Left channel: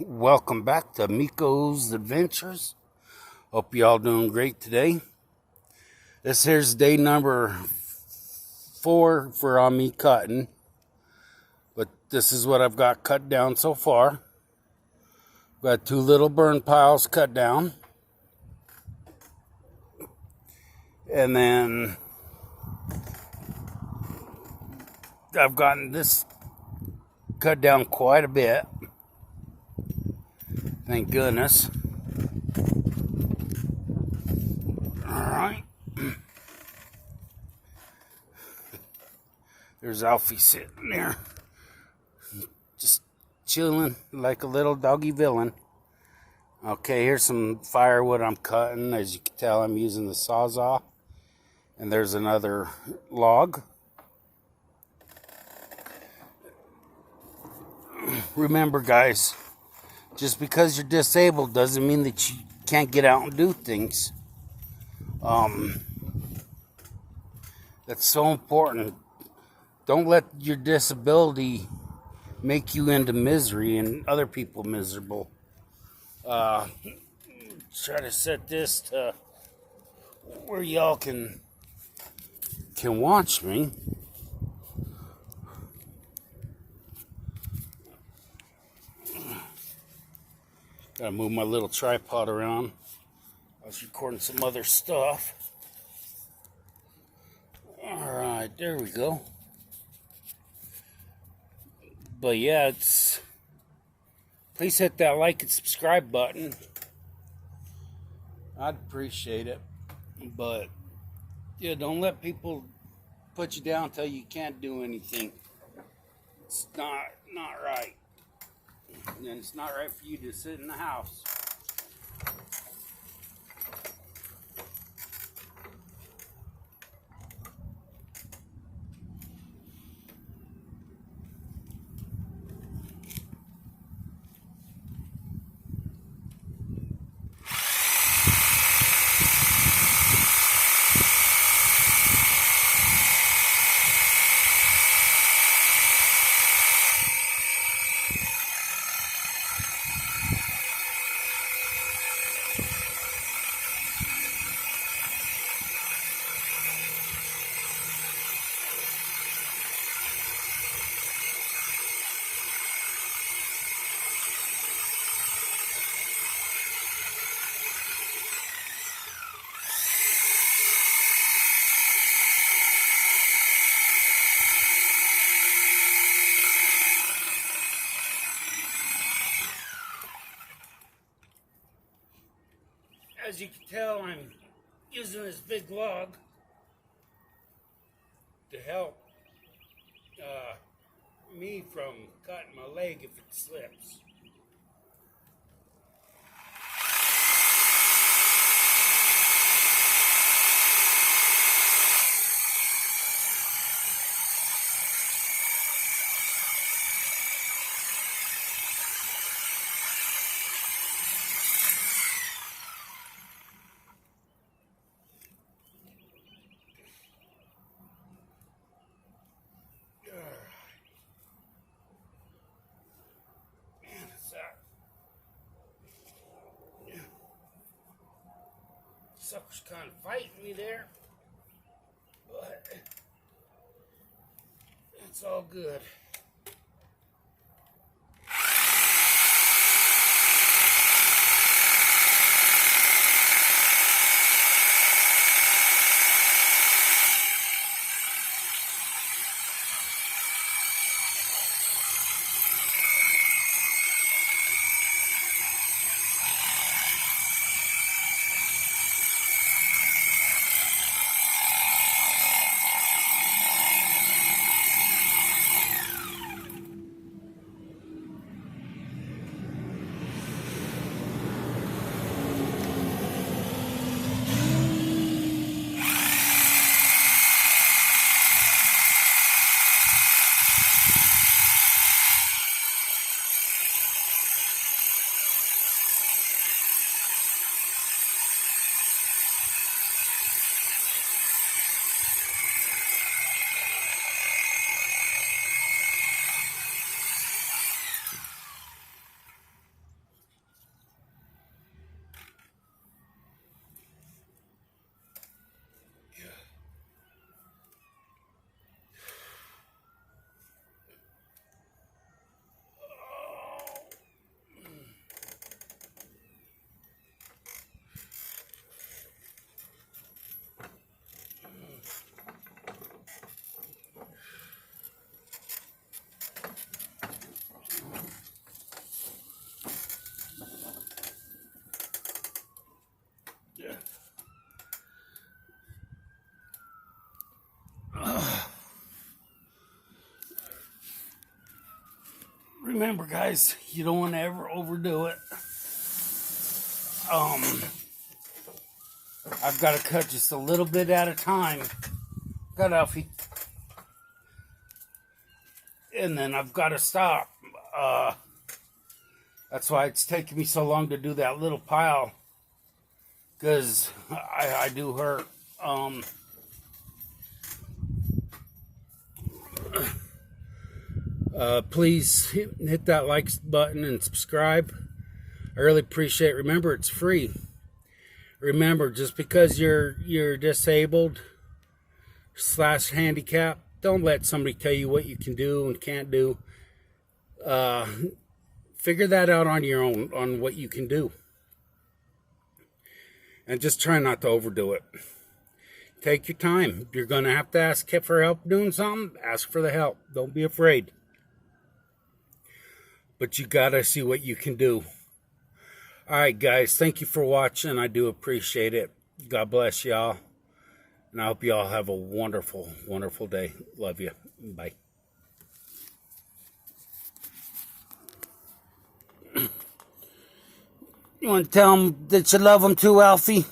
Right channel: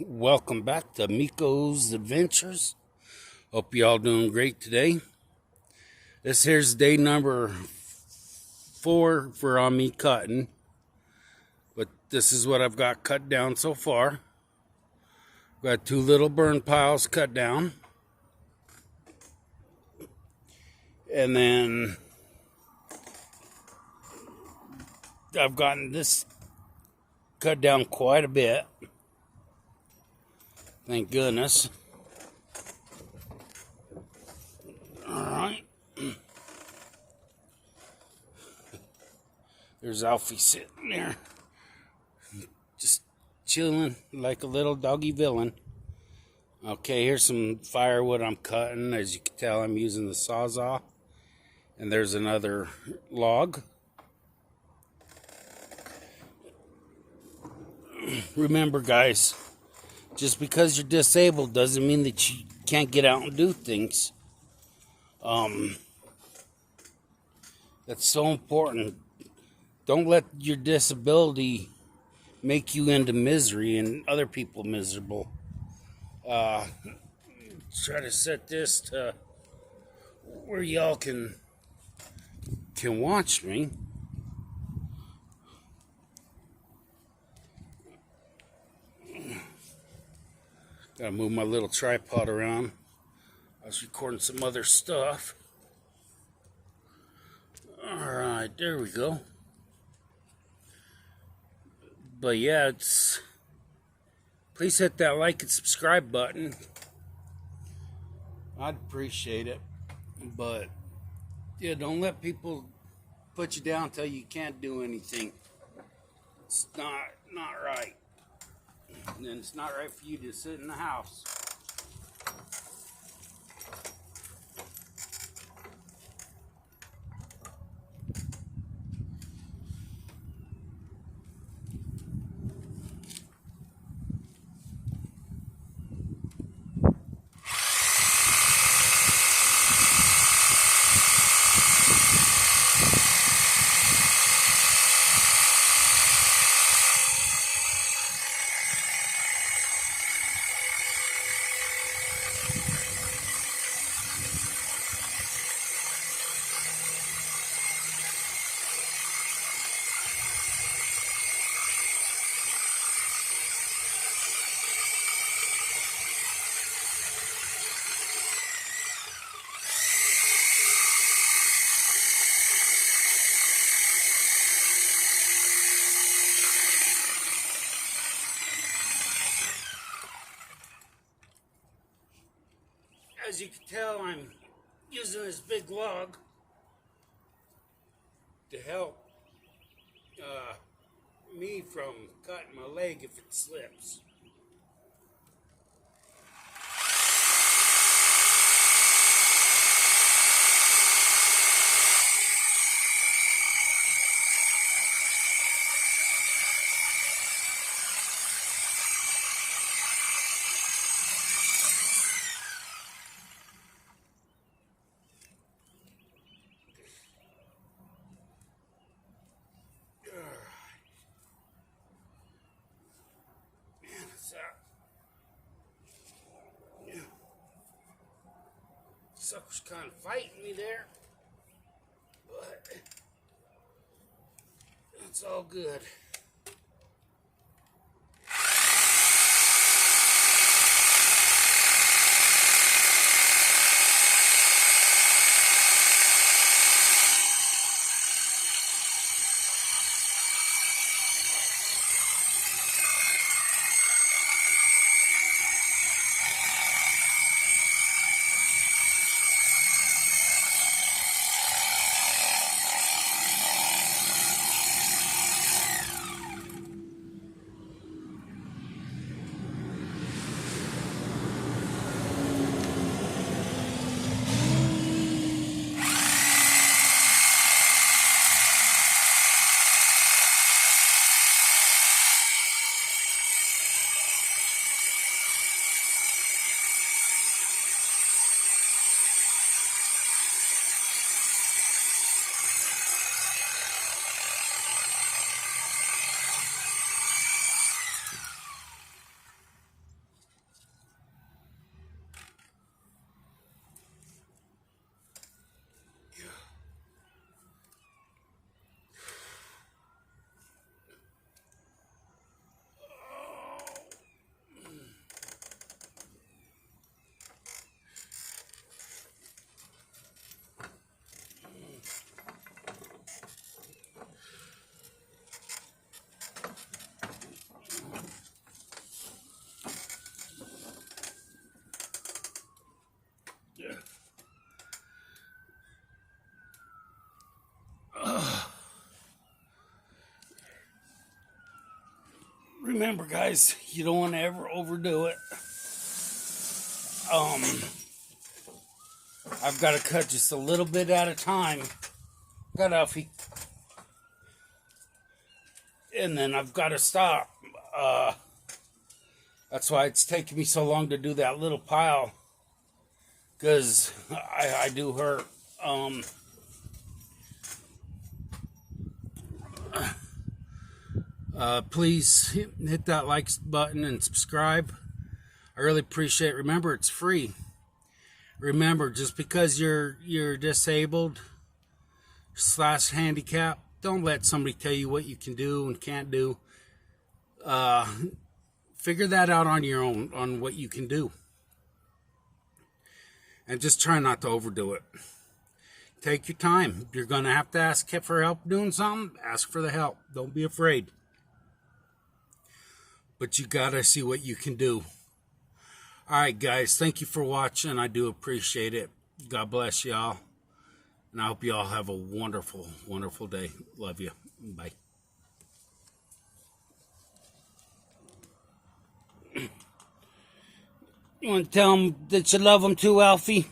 Welcome back to Miko's Adventures. Hope you all doing great today. This here's day number 4 for me cutting. But this is what I've got cut down so far. Got 2 little burn piles cut down. And then I've gotten this cut down quite a bit. Thank goodness. Alright. There's Alfie sitting there. Just chilling like a little doggy villain. Okay, here's some firewood I'm cutting. As you can tell, I'm using the Sawzall. And there's another log. Remember, guys, just because you're disabled doesn't mean that you can't get out and do things. That's so important. Don't let your disability make you into misery and other people miserable. Try to set this to where y'all can watch me. Gotta move my little tripod around. I was recording some other stuff. Alright, there we go. But yeah, please hit that like and subscribe button. I'd appreciate it. But yeah, don't let people put you down until you can't do anything. It's not right. And then it's not right for you to sit in the house. As you can tell, I'm using this big log to help me from cutting my leg if it slips. Sucker's kind of fighting me there, but it's all good. Remember, guys, you don't want to ever overdo it. I've got to cut just a little bit at a time. Got Alfie. And then I've got to stop. That's why it's taking me so long to do that little pile. Because I do hurt. Please hit that like button and subscribe. I really appreciate it. Remember, it's free. Remember, just because you're disabled / handicap, don't let somebody tell you what you can do and can't do. Figure that out on your own, on what you can do. And just try not to overdo it. Take your time. If you're going to have to ask for help doing something, ask for the help. Don't be afraid. But you got to see what you can do. All right, guys. Thank you for watching. I do appreciate it. God bless y'all. And I hope y'all have a wonderful, wonderful day. Love you. Bye. You want to tell them that you love them too, Alfie?